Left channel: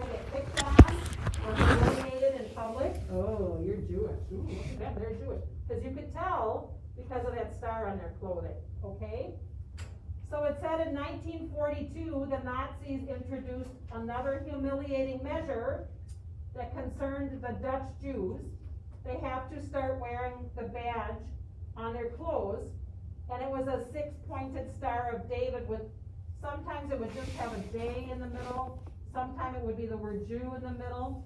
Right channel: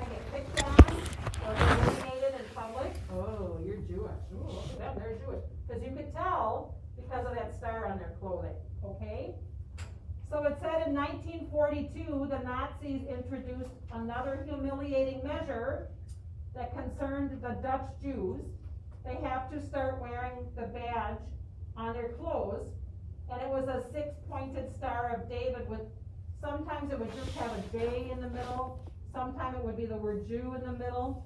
try to get picked on or humiliated in public. Oh, you're Jewish. Ooh, look at them, they're Jewish. Because you could tell because of that star on their clothing, okay? So it said in 1942, the Nazis introduced another humiliating measure that concerned the Dutch Jews. They have to start wearing the badge on their clothes, and it was a six-pointed Star of David with, sometimes it would just have a J in the middle, sometimes it would be the word Jew in the middle.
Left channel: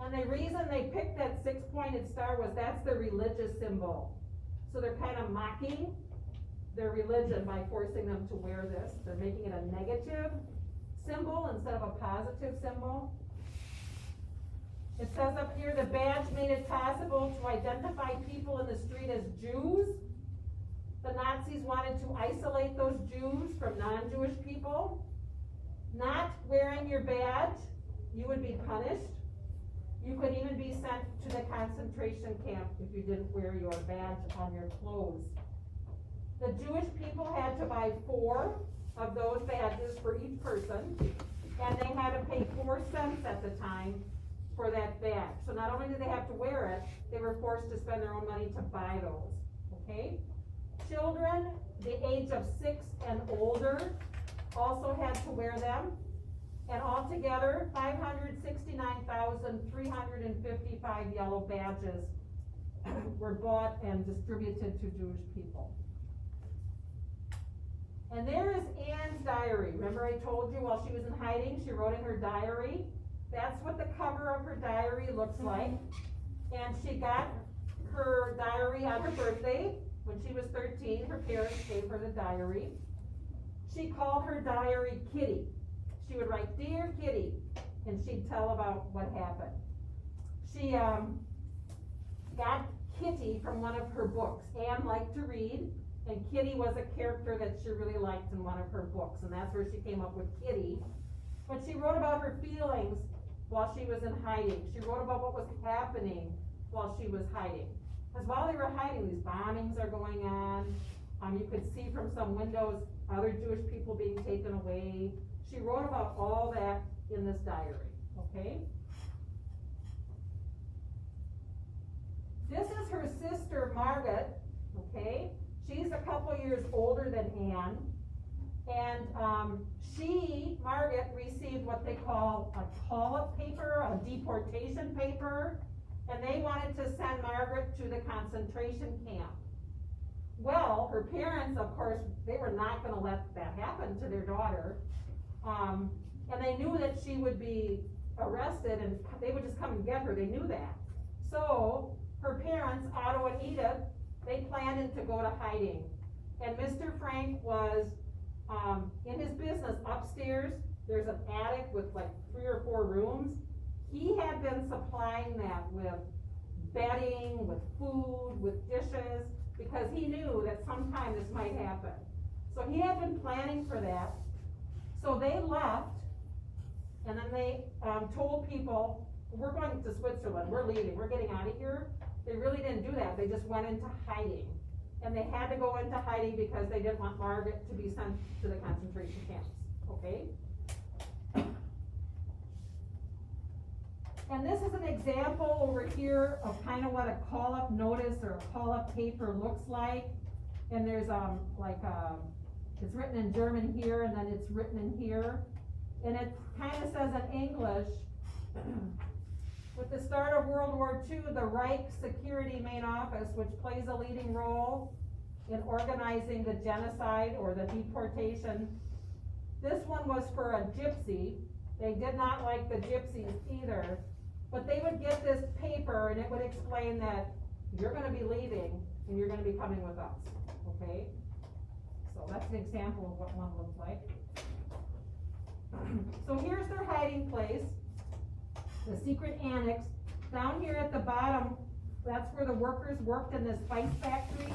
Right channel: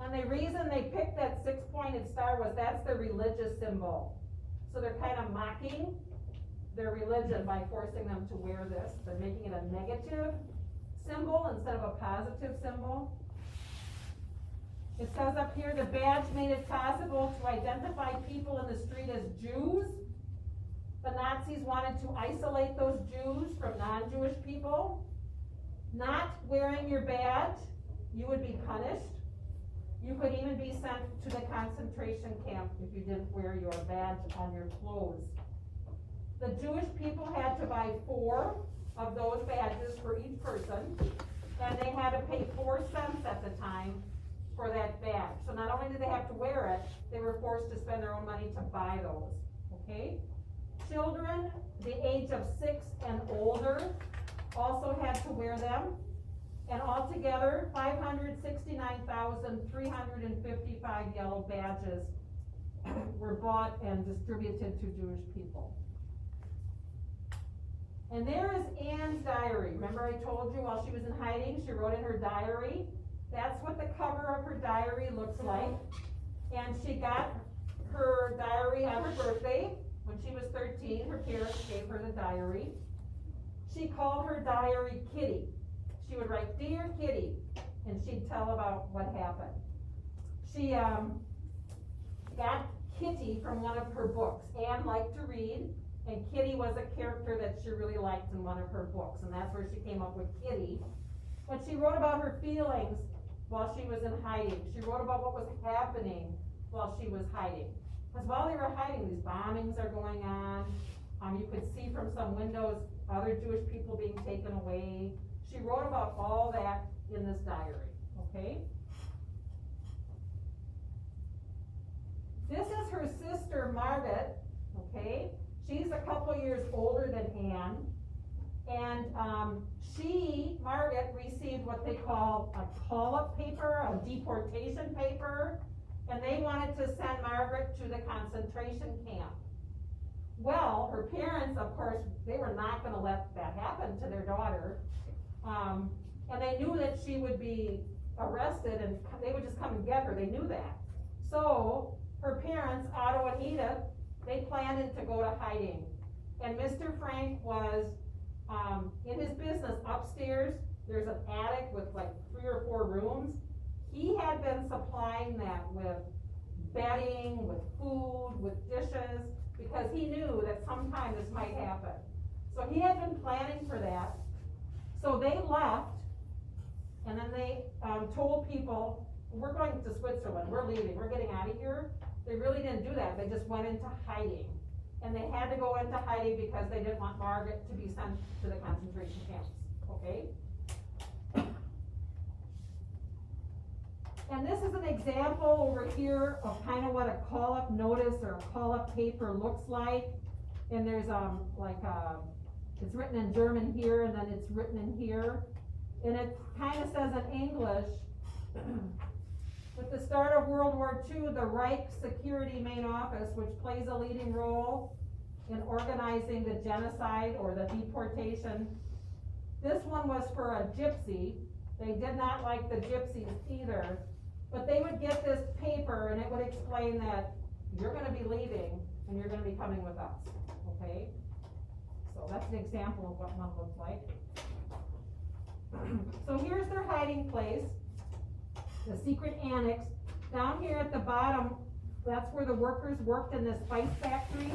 And the reason they picked that six-pointed star was that's their religious symbol. So they're kind of mocking their religion by forcing them to wear this. They're making it a negative symbol instead of a positive symbol. It says up here, the badge made it possible to identify people in the street as Jews. The Nazis wanted to isolate those Jews from non-Jewish people. Not wearing your badge, you would be punished. You could even be sent to the concentration camp if you didn't wear your badge on your clothes. The Jewish people had to buy 4 of those badges for each person, and they had to pay 4 cents at the time for that badge. So not only did they have to wear it, they were forced to spend their own money to buy those, okay? Children, the age of 6 and older, also had to wear them. And altogether, 569,355 yellow badges were bought and distributed to Jewish people. And there is Anne's diary. Remember I told you while she was in hiding, she wrote in her diary. That's what the cover of her diary looks like. And she got her diary on her birthday. When she was 13, her parents gave her the diary. She called her diary Kitty. She would write, "Dear Kitty," and she'd tell about what happened. She got Kitty from one of her books. Anne liked to read, and Kitty was a character that she really liked in one of her books, and that's where she came up with Kitty. But she wrote about her feelings while she was in hiding. She wrote about what was happening while she was hiding. Because while they were hiding, these bombings are going on. You could see from some windows other Jewish people being taken away. She wrote about all that in this diary, okay? This is her sister, Margaret, okay? She's a couple years older than Anne. And Margaret, received what they call a call-up paper, a deportation paper, and they wanted to send Margaret to the concentration camp. Well, her parents, of course, they were not going to let that happen to their daughter. And they knew that she would be arrested and they would just come and get her. They knew that. So her parents, Otto and Edith, they planned to go to hiding. And Mr. Frank was in his business upstairs. There's an attic with like 3 or 4 rooms. He had been supplying that with bedding, with food, with dishes, because he knew that sometime this might happen. So he had been planning for that. So they left, and then they told people, we're going to Switzerland, we're leaving, we're getting out of here. They really didn't do that, they just went into hiding. And they had to go into hiding because they didn't want Margaret to be sent to the concentration camps, okay? And this is an example over here of kind of what a call-up notice or a call-up paper looks like. And there's it's written in German here, and then it's written in here. And it kind of says in English, with the start of World War II, the Reich Security Main Office, which plays a leading role in organizing the genocide or the deportation. This one was for a gypsy. They did not like the gypsies either. But they would get this paper, and it would explain that you're going to be leaving, and you're going to be coming with us, okay? So that's an example of what one looks like. So here's their hiding place, the secret annex. Down here at the bottom, that's where the workers worked in this spice factory.